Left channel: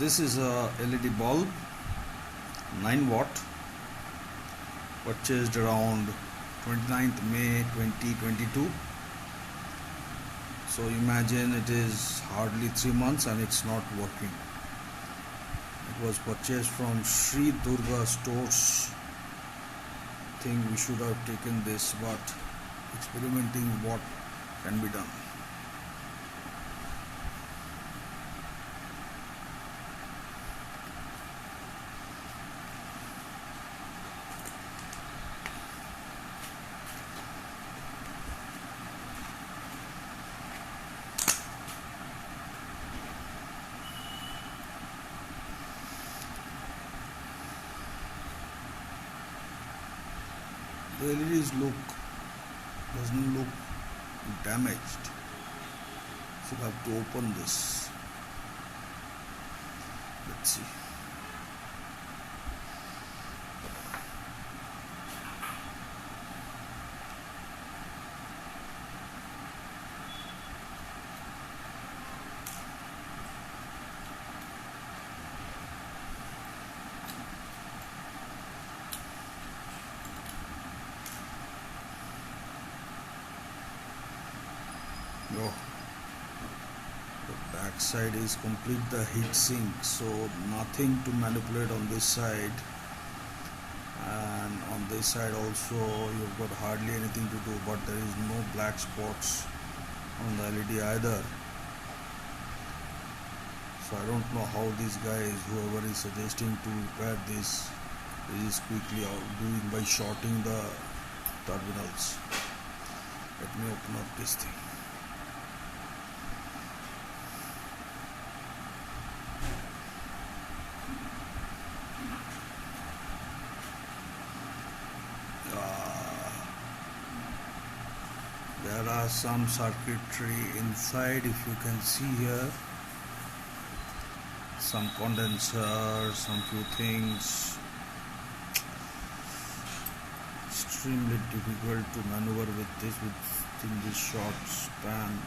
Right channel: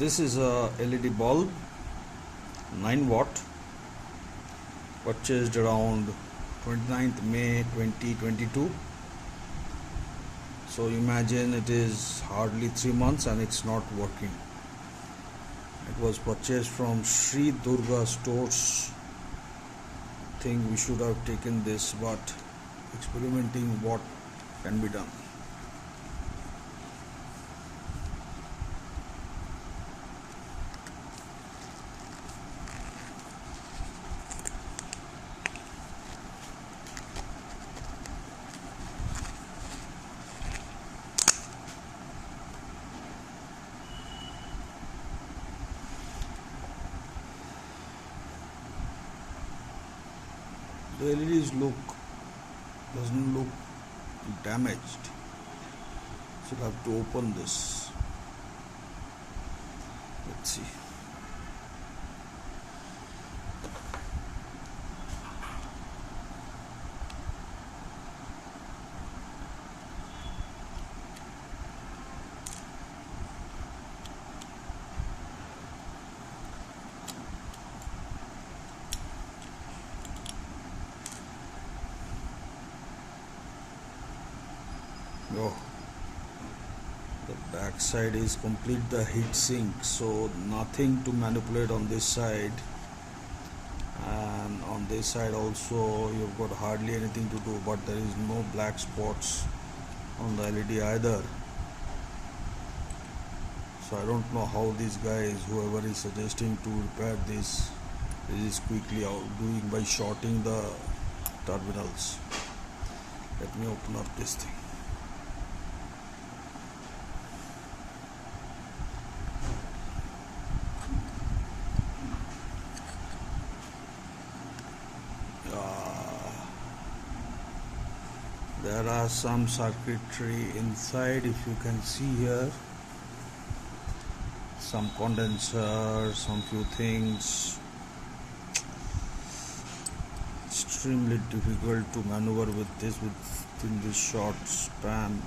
This is a LED bulb, 9 watt, purchased around 29th May 2022. So imagine it is hardly 3 months and it's not working. It was purchased from Sri Durga stores. Think we should have taken this, but experimenting what can be done. The LEDs doesn't look damaged, so I have to open this. Let's see. Oh, the back side is complete the heat sink, so nothing to manipulate on this side, and on this side also you've got hardly anything to do, but there is no black spots on the LED either. So I don't know how these guys, whoever is suggesting to repair this, is quickly doing by shorting the terminals. Let me open up this thing. There are some circuitry inside, if you can see here, some condenser, some few things. Extremely difficult to maneuver with this within this short span.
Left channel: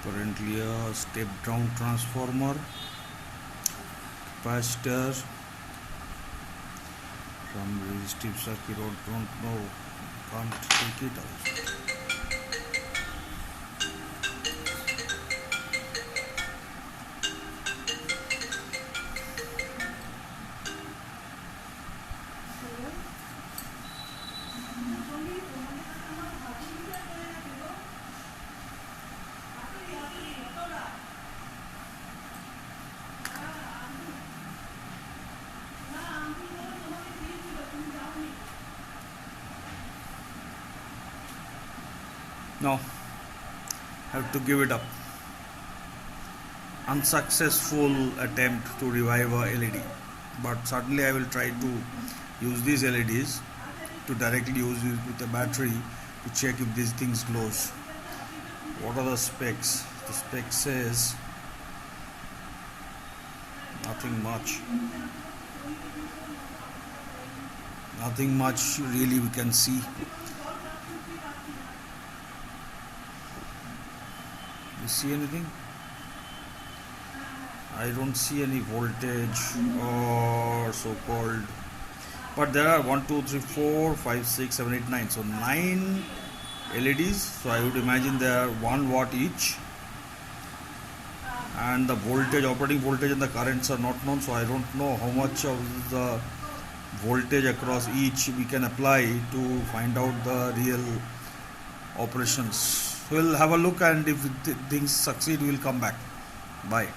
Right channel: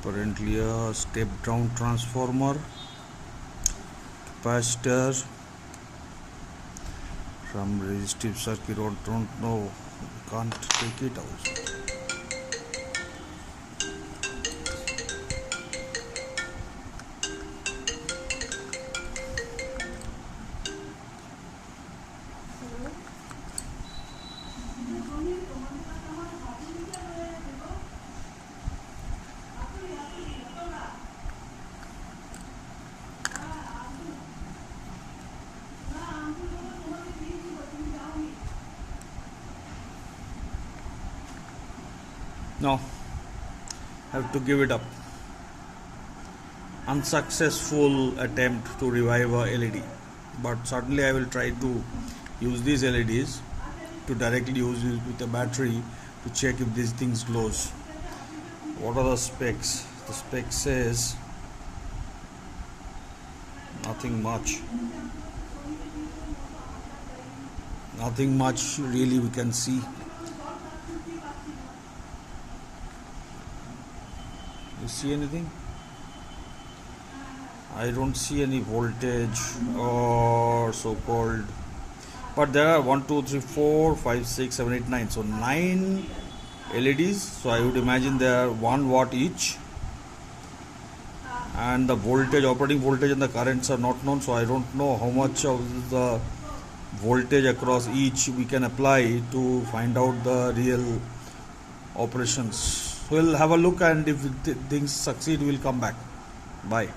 Currently a step down transformer, capacitor, some resistive circuit, don't know, can't take it out. No, have to give it up. Unsuccessful attempt to revive a LED, but certainly I will try to use these LEDs to directly use it with the battery to check if these things glows. What are the specs? The spec says nothing much really we can see. You see anything? I don't see any voltage or so-called, but there are 1, 2, 3, 4, 5, 6, 7, 8, 9. So 9 LEDs. So I would imagine they are 1 watt each, and the voltage, operating voltage and the currents are not known. So I don't know how much of the voltage across each we can apply to find out the real operations. We'll have a look, and if things succeed, we'll come back. Bye.